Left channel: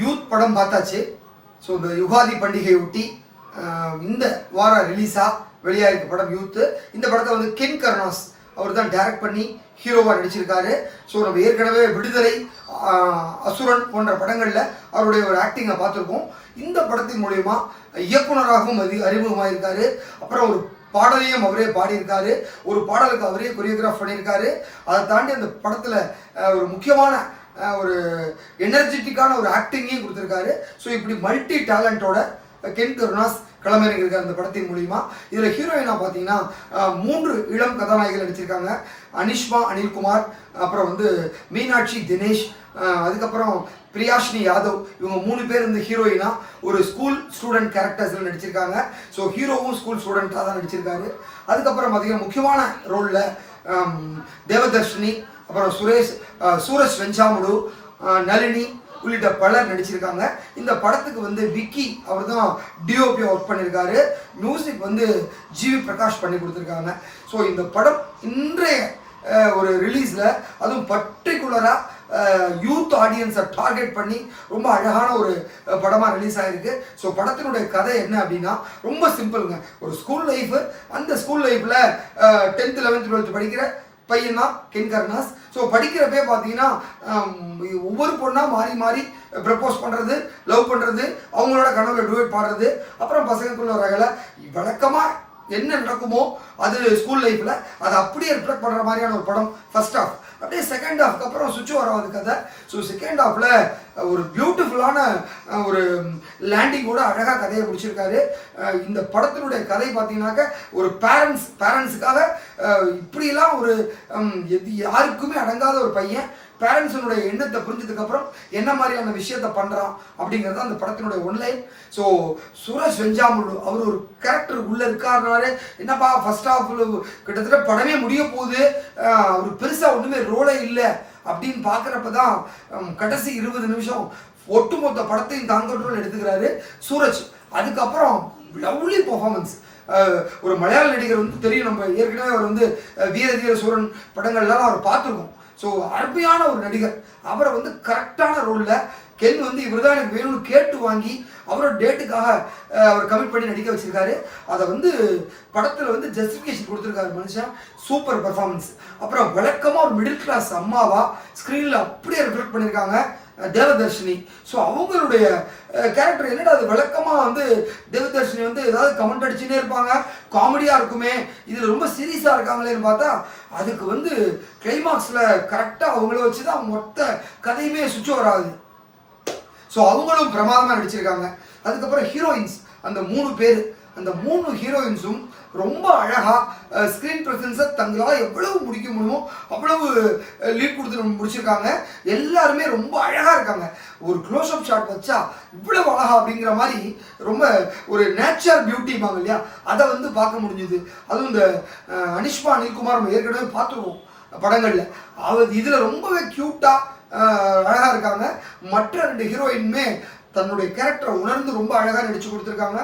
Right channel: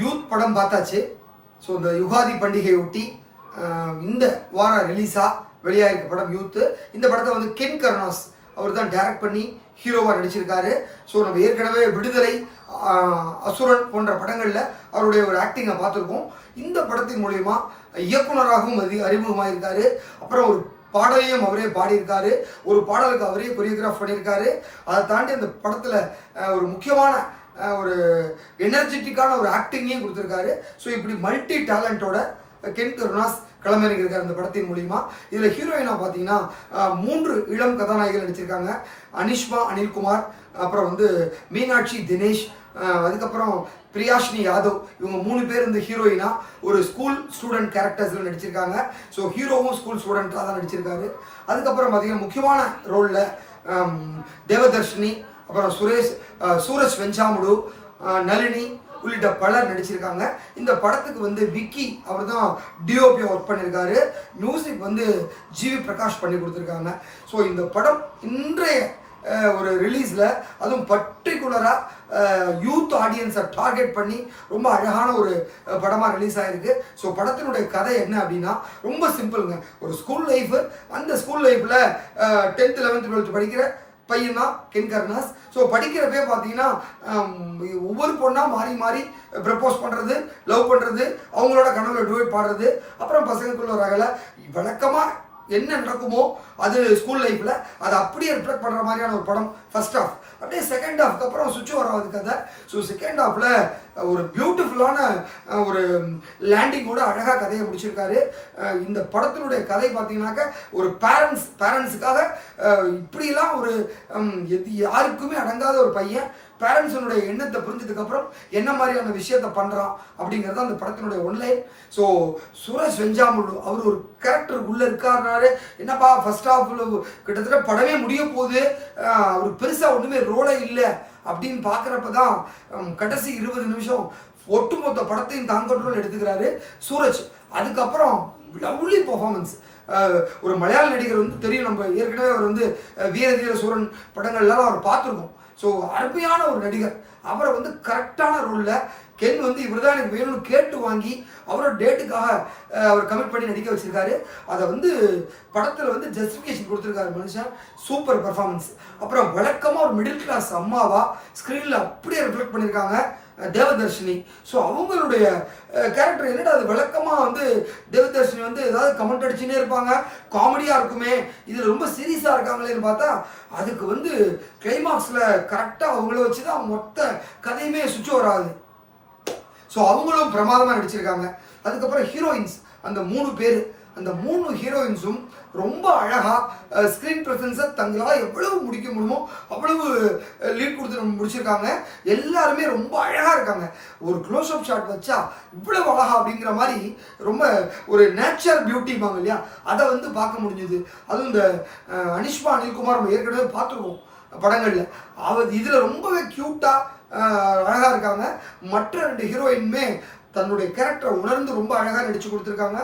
Youth படம் பார்த்தாச்சு. So இந்த யுகாதி பண்டிகையொட்டி இந்த வாரம் ரிலீஸாக வெளியாகிருக்க படம் யூத்து. இந்த படத்தை வந்து கென் கருணாஸ் அவர் தான் டைரக்ட் பண்ணி ஹீரோவாக நடிச்சிருக்காரு. ஸோ நம்ம ஏற்கனவே விடுதலை, அசுரன் போன்ற படங்களில் அவருடைய ஒரு ஆக்டிங்கை பார்த்துருக்கோம். இந்த படத்தின் மூலயமா இயக்குனராகவும் அறிமுகமாயிருக்காரு. அப்புறம் ஒரு பாடலையும் அவரே பாடியிருக்காரு. ஒரு பாடலுக்கு அவரே கொரியோகிராஃப் பண்ணியிருக்காரு. அதை தாண்டி அந்த படத்தில் ஒரு முக்கியமான ஒரு எனர்ஜெட்டிக்கான ஒரு ஆக்டிங்கையும் கொடுத்துருக்காரு. ஸோ இப்படி மல்டி டேலண்டோட கென் கருணாஸ் களமிறங்கியிருக்காரு இந்த படத்தின் மூலிமா. இதில் ஹீரோயினாக பார்த்தீங்கன்னா 3 இளம் கதாநாயகிகள் நடிச்சிருக்காங்க. அனிஷ்மா அனில்குமார், அப்புறம் வந்து மீனாட்சி தினேஷ், அதுக்கப்புறம் பிரியாஷினி யாதவ். இவங்க 3 பேர் இந்த ஹீரோயினா ஒரு ஸ்கூல் ஸ்டூடெண்ட் கேரக்டர்ஸில் நடிச்சிருக்காங்க. ஸோ ஹீரோவும் ஸ்கூல் ஸ்டூடெண்ட்டாக தான் நடிச்சிருக்காரு. அதுக்கப்புறம் பார்த்தீங்கன்னா முக்கியமான ரோலில் தேவதர்ஷினி, அப்புறம் சூரஜ் வெஞ்சாமுடு, நளினி உள்ளிட்ட பலர் நடிச்சிருக்காங்க. இந்த படத்துக்கு வந்து விக்கி அவர் தான் டிஓபி ஒர்க் பண்ணியிருக்காரு. மியூசிக் வந்து ஜிவி பிரகாஷ் பண்ணி கொடுத்துருக்காங்க. ஸோ இந்த படம் இன்றைய ஒரு ரிலீஸில் அதுவும் பர்டிகுலராக யூத் ஆடியன்ஸை டார்கெட் பண்ணி ரொம்ப அழகான ஒரு படமாக ரிலீஸ் ஆகிருக்கு. ஸோ படத்தினுடைய கதை என்ன அப்படின்னா ரொம்ப சிம்பிளுங்க. ஒரு ஸ்கூல் லைஃபு, அந்த ஸ்கூல் லைஃப்பில் 10th 11th 12th படிக்கிற பையன் தான் கென் கருணாஸ். ஸோ படிக்கிறப்பே பார்த்தீங்கன்னா ஒவ்வொரு பொண்ணாக மாறி மாறி ப்ரப்போஸ் பண்ணுறது, லவ் பண்ணுறது, அவங்களோட கனவுல டுவேட் பாடுறது, அப்புறம் பசங்களுக்குள்ள ஒரு அகலை வழக்கமாக என்ன நடக்குமோ அது ஸ்கூல் லைஃப்பில் அதை அப்படியே ரிஃப்ளெக்ட் பண்ணுற மாதிரியான ஒரு படம் ஃபர்ஸ்ட் ஹாஃப். அப்படியே செகண்ட் ஹாஃப்க்கு அப்புறம் சுவிட்ச் ஓவர் ஆகுது கதை. ஸோ செகண்ட் ஹாஃபில் ஒரு பியூட்டிஃபுல்லான ஒரு லேண்டிங்கோட அழகாக கதையை முடிச்சிருக்காரு. இந்த படத்தினுடைய கதை பார்த்தீங்கன்னாக்க ஒரு பேரண்ட்ஸுக்காக இப்படியெல்லாம் ஒரு யாருக்குமே அடங்காத ஒரு பையன் பேரண்ட்ஸனுடைய எண்ணத்தை புரிஞ்சதுக்கப்புறம் என்ன மாதிரியான விஷயத்த பண்ணுறான் அப்படிங்கிறது அந்த படத்தினுடைய ஒன்லைன். ஸோ சூரஜ் வெஞ்சாமுடு அவர் ஒரு கேரக்டர் உள்ளே இருக்காருனாலே என்னப்பா ஃபர்ஸ்ட் ஹாஃபில் கிட்டத்தட்ட படமே முடிய போகுது, ஒரு பெருசாக ஒன்றுமே ரோலே இல்லை அப்படின்னு பார்க்குறப்ப தான் கடைசி 20 நிமிஷம் ஒட்டுமொத்த படத்தையும் தான் கண்ட்ரோல் எடுத்துக்கிறாரு சூரஜ். அதுக்கப்புறம் லவ்லி பர்ஃபார்மன்ஸ். ஒரு மலையாள நடிகர் வந்து தெரியும், நம்ம ஏற்கனவே அவர் வந்து வீர தீர சூரன் படங்கள்லாம் அவர் பார்த்துருக்கோம். ஸோ அருமையான ஒரு நடிகர். அவரை வந்து கரெக்டான ரோலில் கென் வந்து இவர் தான் எனக்கு வேணும்னு கேட்டு வாங்கி அவரோட டேட்டுக்காக அவர் கமிட் பண்ணி நடிக்க வச்சிருக்காரு. அதை வந்து படத்தில் வந்து ஜஸ்டிஃபிகேஷன் கொடுத்துருக்காரு மனுஷன். Super performance. அப்புறம் வழக்கமாக ஒரு மிடில் கிளாஸ் அம்மாவா ஸ்க்ரீனில் அப்படியே ரிஃப்ளெக்ட் பண்ணியிருக்காங்க தேவதர்ஷினி. ஸோ அவங்களுடைய கேரக்டர் என்னடா அது வழக்கமாக வந்து தேவதர்ஷினி வந்து ஏதாவது கமெண்ட் அடிச்சுன்னே இருப்பாங்க, காமெடியாக இருக்குமே, இதில் ரொம்ப சீரியஸாக இருக்காங்களேன்னு பார்த்தா அதுக்கு வந்து கிளைமாக்ஸில் கரெக்டாக அவங்கள வச்சு தான் மொத்த கதையுமே சுவிட்ச் ஓவர் ஆகுது. ஸோ அவங்களும் பிரமாதமாக நடிச்சிருக்காங்க. அதுக்கப்புறம் ஹீரோயின்ஸ் அந்த 3 பேர், அந்த 3 ஹீரோயின்ஸும் ரொம்ப அழகாக ஸ்க்ரீன் ப்ரெசன்ஸை தங்களால் எவ்வளவு முடிக்க முடியுமோ அவ்வளவு லீட் கொடுத்து முடிச்சிருக்காங்க. எல்லாருமே ரொம்ப அழகாக இருக்காங்க. ஒரு க்ளோஸ் அப் ஷாட் வச்சா இவ்வளவு அழகா அப்படிங்கிற மாதிரி ரொம்ப ஒரு நேச்சுரல் பியூட்டிப்பாங்க இல்லையா, அதை வந்து பார்க்க முடிஞ்சுது. அதுவும் இந்த அனிஷ்மா அனில்குமார் நம்ம ஏற்கனவே பார்த்துருவோம் படங்களில். அவர் இதில் ரொம்பவே க்யூட்டாக அழகாக இருக்காங்க. மற்ற 2 ஹீரோயினுமே தன்னுடைய கேரக்டரை உணர்ந்து ரொம்ப அழகாக நடிச்சு கொடுத்துருக்காங்க.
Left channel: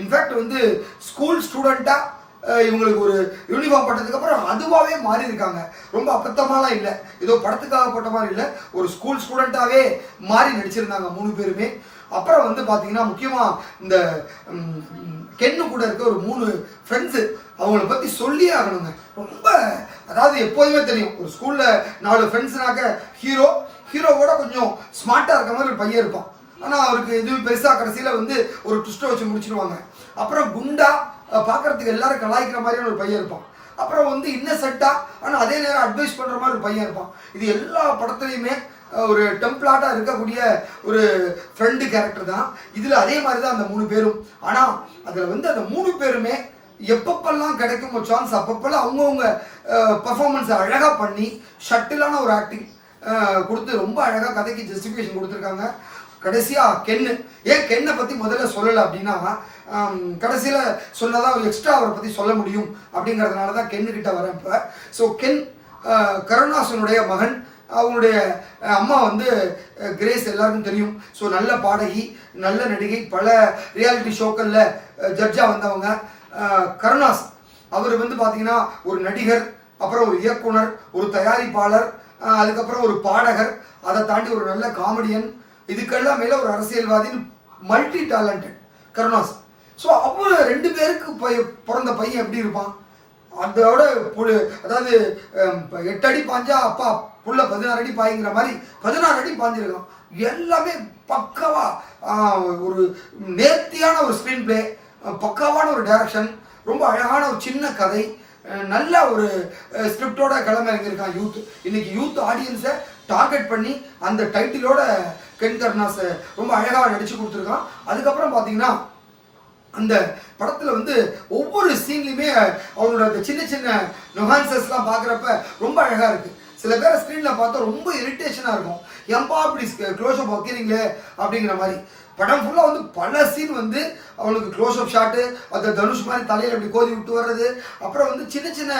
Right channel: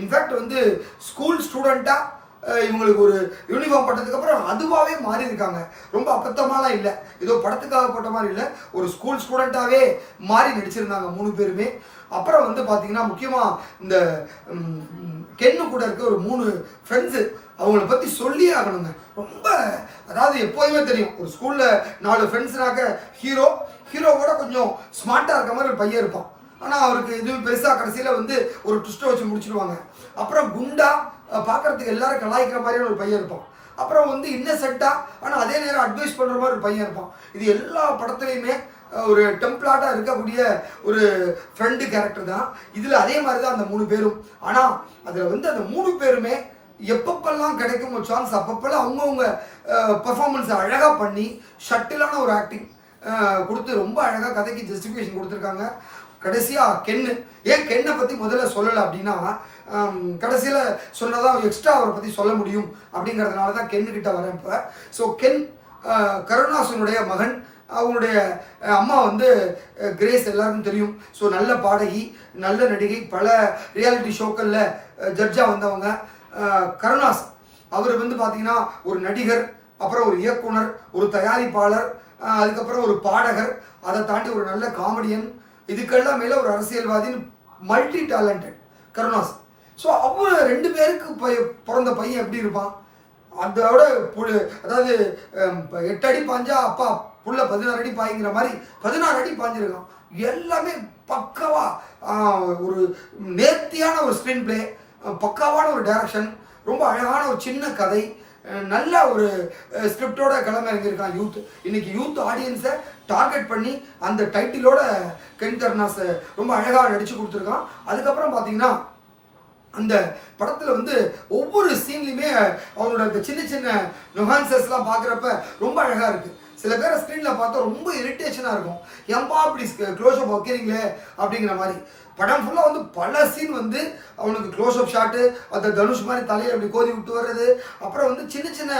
இன்ஃபேக்ட் வந்து ஸ்கூல் ஸ்டூடெண்ட்டாக இவங்களுக்கு ஒரு யூனிஃபார்ம் போட்டதுக்கப்புறம் அதுவாகவே மாறி இருக்காங்க. ரொம்ப அபத்தமாலாம் இல்லை, ஏதோ படத்துக்காக போட்ட மாதிரி இல்லை, ஒரு ஸ்கூல் ஸ்டூடெண்ட்டாகவே மாறி நடிச்சிருந்தாங்க 3 பேருமே. அப்புறம் வந்து பார்த்தீங்கன்னா முக்கியமாக இந்த கென்னு கூட இருக்க ஒரு 3 ஃப்ரெண்ட்ஸு, அவங்கள பற்றி சொல்லியே ஆகணுங்க. ரொம்ப அதாவது எப்போதுமே தெரியும் ஒரு ஸ்கூலில் 4 ஃப்ரெண்ட்ஸ்னாக்க ஹீரோவோட கொஞ்சம் ஸ்மார்ட்டாக இருக்க மாதிரி ஒரு பையன் இருப்பான். ஆனால் அவருக்கு எதுவும் பெருசாக கடைசியில் வந்து ஒரு ட்விஸ்ட்டை வச்சு முடிச்சிடுவாங்க. அப்புறம் குண்டா பார்க்குறதுக்கு எல்லாரும் கலாய்க்கிற மாதிரியான ஒரு பையன் இருப்பான். அப்புறம் வந்து இன்னசென்ட்டாக ஆனால் அதே நேரம் அட்வைஸ் பண்ணுற மாதிரி ஒரு பையன் இருப்பான். இது எல்லா படத்துலையுமே ஒரு டெம்ப்ளாட்டாக இருக்கக்கூடிய ஒரு ஃப்ரெண்டு கேரக்டர் தான். இதில் அதே மாதிரி தான் அந்த 3 பேரும். ஆனால் அதில் வந்து அந்த 3 பேருமே எப்பப்பெல்லாம் கிடைக்கும் ஒரு சான்ஸ் அப்பப்பெல்லாம் அவங்கவுங்க பர்ஃபார்மன்ஸை அழகாக பண்ணி ஷட்டிலான ஒரு ஆக்டிங் கொடுத்து ரொம்ப அழகாக கதைக்கு ஜஸ்டிஃபிகேஷன் கொடுத்துருக்காங்க. கடைசியாக கென்னை பற்றி முதல்ல சொல்லலை அப்படின்னா கடைசியில் சொன்னதான் எக்ஸ்ட்ரா அவரை பற்றி சொல்ல முடியும் அப்படிங்கிறதுனால தான் கென்னுக்கிட்ட வரேன் இப்போ. ஸோ கென் கருணாசனுடைய மகன். அவங்களுடைய அம்மா வந்து கிரேஸ் எல்லாருக்கும் தெரியும். ஸோ நல்ல பாடகி, நல்ல நடிகை, பல ரியாலிட்டி ஷோக்களில் ஜட்ஜாக வந்தவங்க. கருணாஸ் அவர் வந்து பார்த்தீங்கன்னா ஒரு நடிகர், அப்புறம் ஒரு இயக்குனர், ஒரு தயாரிப்பாளர், அதுக்கப்புறம் ஒரு பாடகர், அதை தாண்டி ஒரு நல்ல காமெடியன், இதுக்கெல்லாம் மேலே ஒரு அரசியல்வாதின்னு மல்டி டேலண்டட் கருணாஸ். ஸோ அவர் 2 பேருக்கு பிறந்த பையன் எப்படி இருப்பான்? அதோட அதாவது 8 அடி பாஞ்சா அப்பா புள்ள 16 அடி பாய்ங்கிற மாதிரி 16 அடி பாஞ்சிருக்கான். எல்லாமே பக்காவா ஒரு நேர்த்தியான ஒரு ஸ்க்ரீன் பிளே, பக்காவான ஒரு டைரக்ஷன், ரொம்ப அழகான ஒரு சின்ன கதை, நல்ல ஒரு ஸ்கிரிப்டோட கிளம்பிருக்கான் யூத். இன்னைக்கு யூத் ஆடியன்ஸை டார்கெட் பண்ணி அந்த டைட்டிலோட கென் கருணாஸ் ரொம்ப அழகாக நடிச்சு கொடுத்துருக்கான். அதுக்கப்புறம் பார்த்தீங்கன்னா அந்த படத்தில் வந்து ஒவ்வொரு சீன்லையுமே அவனோட அந்த சின்ன சின்ன நுகான்சஸ்லாம் பார்க்குறப்ப ரொம்ப அழகாக இருக்குது. சில பேரை ஸ்க்ரீனில் பார்த்தா ரொம்ப இரிட்டேஷனாக இருக்கும், ஏன்பா அப்படி க்ளோஸ்அப் வைக்கிறீங்களே அப்படிங்கிற மாதிரி. படம் ஃபுல்லாக வந்து பல சீன் வந்து அவனுக்கு க்ளோஸ்அப் ஷாட்டு, அந்த தனுஷ் மாதிரி தலையில் அப்படி கோதி விட்டு வர்றது, அப்புறம் வந்து சின்ன சின்ன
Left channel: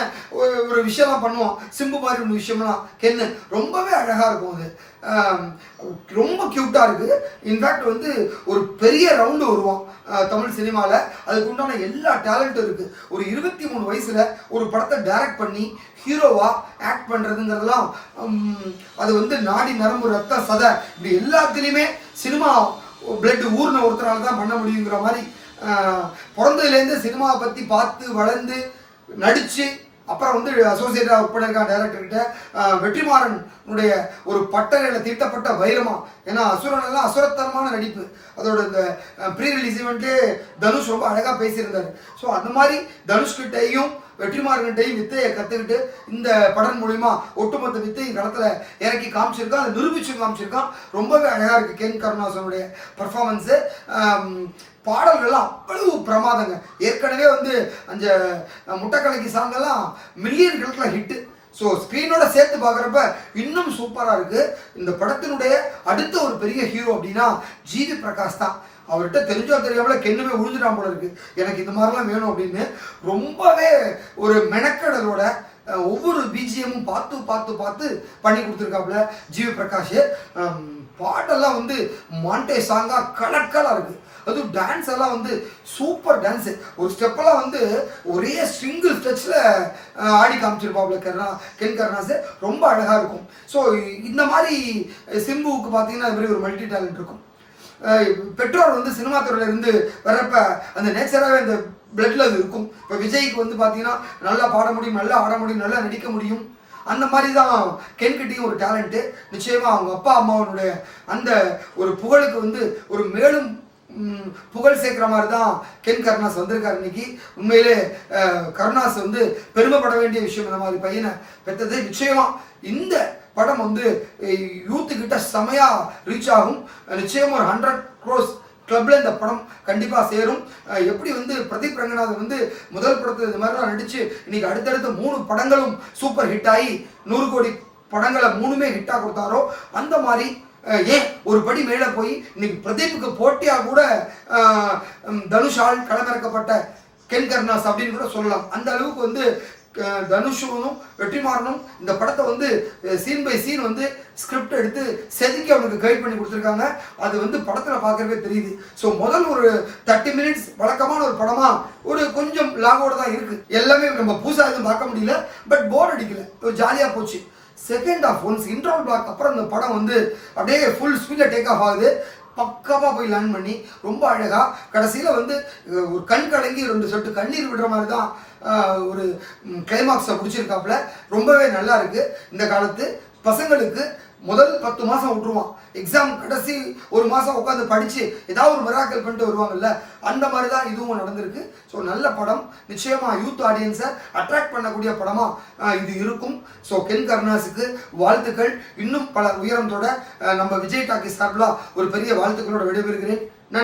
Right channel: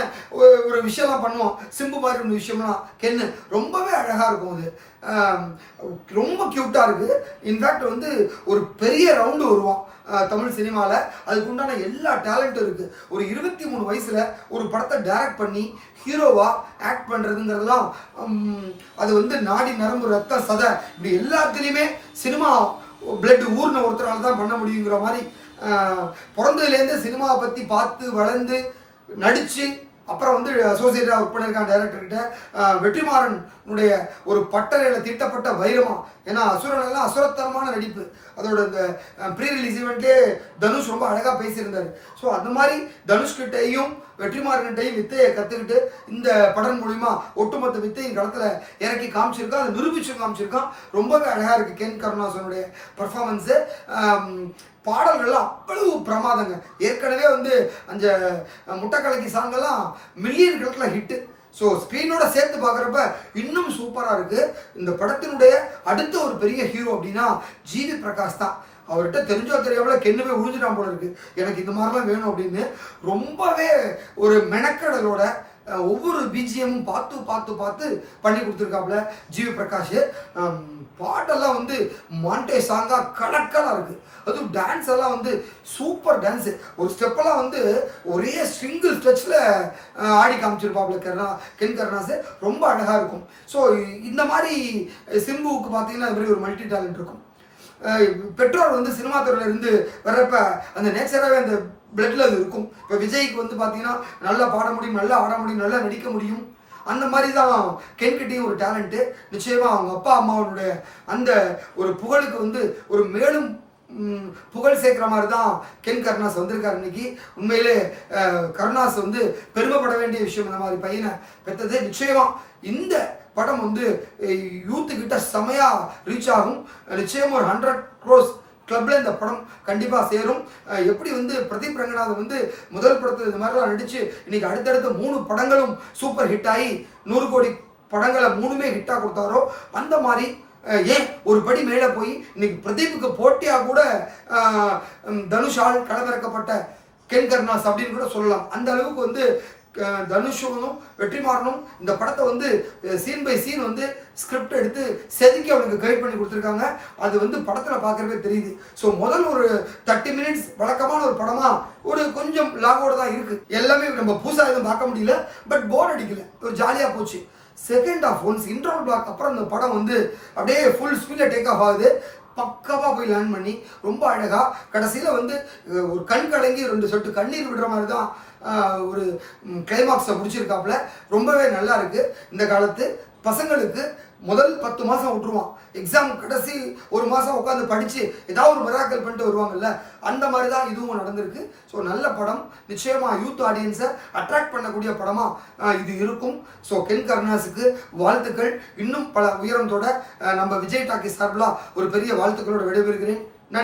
ஒரு விஷயம்லாம் பண்ணுவான், சிம்பு மாதிரி ஒன்று விஷயம்லாம் கென்னு ரொம்பவே அழகாக இருக்கும். அது ரொம்ப க்யூட்டாக இருக்குது. இன்ஃபேக்ட் வந்து ஒரு பெரிய ரவுண்டு வருவான் தமிழ் சினிமாவில். அதுக்கு உண்டான எல்லா டேலண்ட்டும் இருக்குது. ஒரு 23 வயசில் ஒரு படத்தை டைரக்ட் பண்ணி ஹீரோவாக ஆக்ட் பண்ணுறதுங்கிறதுலாம் அது வந்து நாடி நரம்பு ரத்த சதை இப்படி எல்லாத்துலேயுமே சினிமா பிளட் ஊர்ன ஒருத்தரால் தான் பண்ண முடியுங்கிற மாதிரி பிறந்ததுலேருந்து சினிமாவை பற்றி பார்த்து வளர்ந்து நடித்து அப்புறம் வந்து அசோசியேட்டாக ஒர்க் பண்ணியிருக்கான் டைரக்டர்கிட்ட. வெற்றிமாறனுடைய ஒரு பட்டறையில் தீட்டப்பட்ட வைரமா, ஏன்னா அசுரனெல்லாம் அசுரத்தனமான நடிப்பு. அதோட இந்த ப்ரீ ரிலீஸ் ஈவெண்ட்லேயே தனுஷ் ரொம்ப அழகாக பேசியிருந்தார். ஸோ அந்த மாதிரி தனுஷ்கிட்டையும் வெற்றிமாறன்கிட்டையும் வித்தையை கற்றுக்கிட்டு இந்த படம் மூலிமா ஒட்டுமொத்த வித்தையும் களத்தில் இறக்கி காமிச்சிருக்கான், அதை நிரூபிச்சு காமிச்சிருக்கான். ரொம்பவே அழகாக இருக்குது கென் கருணாசனுடைய பர்ஃபார்மன்ஸு. பாடல்கள்லாம் அவ்வளவு பிரமாதங்க. ஏற்கனவே வந்து அந்த முட்டைக்கலக்கி சாங்கெல்லாம் மில்லியன் கணக்கில் ஹிட்டு. ஸோ ஸ்க்ரீனோட சேர்த்து பார்க்குறப்ப இன்னும் சூப்பராக இருக்குது. இந்த படத்தினுடைய அடுத்த ஒரு பெரிய ஹீரோ அப்படின்னா ஜிவி பிரகாஷ் தான். அவர்கிட்ட தெரிஞ்சோ தெரியாமல் கென்னுமே உழுதுட்டான் போல இருக்குது, எனக்கு இந்த மாதிரிலாம் வேணும் அப்படின்னு. ரொம்பவே ஒரு மெனக்கடலோட ஒவ்வொரு பிஜிஎம்மும் பார்த்து பார்த்து பார்த்து பண்ணி கொடுத்துருக்காப்புல ஜிவி பிரகாஷ். பாட்டெல்லாம் வந்து மாண்டே சாங்காக கலக்கலாக இருக்குது. அதுவும் டான்ஸ் எல்லாம் வந்து சூப்பர் டான்ஸு. ஒரு ஸ்டெப்பெல்லாம் வந்து ஒரே சிங்கிள் ஸ்டெச்சில் ஆடி காமிச்சிருப்பாப்புல கென் கருணாஸ். ரொம்ப அழகாக இருக்கும். ஸோ இந்த மாதிரி சிம்புவுக்கு பார்த்தீங்கன்னா அது மாதிரி ஒரு மல்டி டேலண்ட் இருக்கும். பெற்றோர் வந்து சினிமா துறையில இருந்து வர்றப்ப அந்த நேச்சராகவே அந்த பிளட்ல அது இருக்கும். இப்போ விஜய்க்கு வந்து பார்த்தீங்கன்னா நல்லா பாட முடியும், நல்லா ஆட முடியும், நல்லா நடிக்க முடியும். அந்த மாதிரி தான் கென்கிட்டையும் ஒரு டேலண்ட்டு. நிச்சயமாக அவங்க அப்பா அம்மாவனுடைய அந்த ஒரு புகழுக்கு வந்து ஒரு மேலும் புகழ் சேர்க்குற மாதிரி தான் கென் கருணாஸ் வந்திருக்காரு இன்னைக்கு. உண்மையிலே கருணாஸ் வந்து பெருமைப்பட வேண்டிய விஷயம் இந்த மாதிரி பையனை பெற்றது. நிச்சயமாக இந்த படம் வந்து யூத்துக்கிட்ட செமையாக ரீச் ஆகும். நிச்சயமாக ஒரு 100 crores கிளப்பில் இந்த படம் கண்டிப்பாக சேரும். எப்படி வந்து பிரதீப் ரங்கநாதன் வந்து முதல் படத்தில் இந்த மாதிரிலாம் நடித்து இன்னைக்கு அடுத்தடுத்து 3 படங்களும் சூப்பர் ஹிட் ஆகி 100 கோடி படங்களை 3மே ஹிட்டாக கொடுத்தாரோ, அந்த மாதிரி ஏன் ஒரு படி மேலே போய் இன்னைக்கு பிரதீப்புக்கு போட்டியாக கூட தனுஷால் களமிறக்கப்பட்ட கென் கருணாஸ் அப்படின்னு கூட சொல்லலாம். அந்த அளவுக்கு வந்து தனுஷும் வெற்றிமாறனும் இந்த படத்தை வந்து சீன் பை சீன் வந்து ஸ்கிரிப்ட் எடுத்து செதுக்கி அவனுக்கு கைட் பண்ணி கொடுத்துருக்காங்க. அது வந்து படத்தில் பார்க்குறவே தெரியுது. ஸோ முதல் ஒரு 30 minutes வழக்கமான ஒரு படமாக ஒரு கொஞ்சம் லாகோடு தான் இருக்குது. எல்லாமே நம்ம புதுசாக எதுவும் பார்க்க முடியல, பட் போர் அடிக்கல, ஒரு ஜாலியாக போச்சு. Second half once interval block அப்புறம் இந்த படம் வந்து அப்படியே ஃபுல் ஸ்பீடில் டேக் ஆஃப் ஆகுது. பக்காவாக போய் லேர்ன் பண்ணி ரொம்ப அழகாக கடைசியில் வந்து ஒரு கண் கலங்கி 2 சொட்டு கண்ணீர் விடுற மாதிரி தான் ஒரு கிளைமாக்ஸை முடிச்சிருக்காப்புல. ரொம்பவே நல்லா இருக்குது. இந்த காலத்து பசங்களுக்கு முதல் 10 மாதம் விட்டுருவான், எக்ஸாம் கடைசி 1 மாதம் உட்காந்து படித்து ஏதாவது ஒரு மிராக்கல் பண்ணிட்டு வருவாங்கல்ல, அந்த மாதிரி தான் இதுவும் நடந்திருக்கு. ஸோ நல்ல படம், நிச்சயமாக யூத் ஆடியன்ஸை அட்ராக்ட் பண்ணக்கூடிய படமாக இது இருக்கும். ஸோ கென் கருணாஸுக்கு வாழ்த்துக்கள். இன்னும் பல உயரத்தோட நம்ம விஜய் டாக்கி சார்பில் ஒரு பெரிய வாழ்த்துக்களோட விடைபெறுகிறேன்.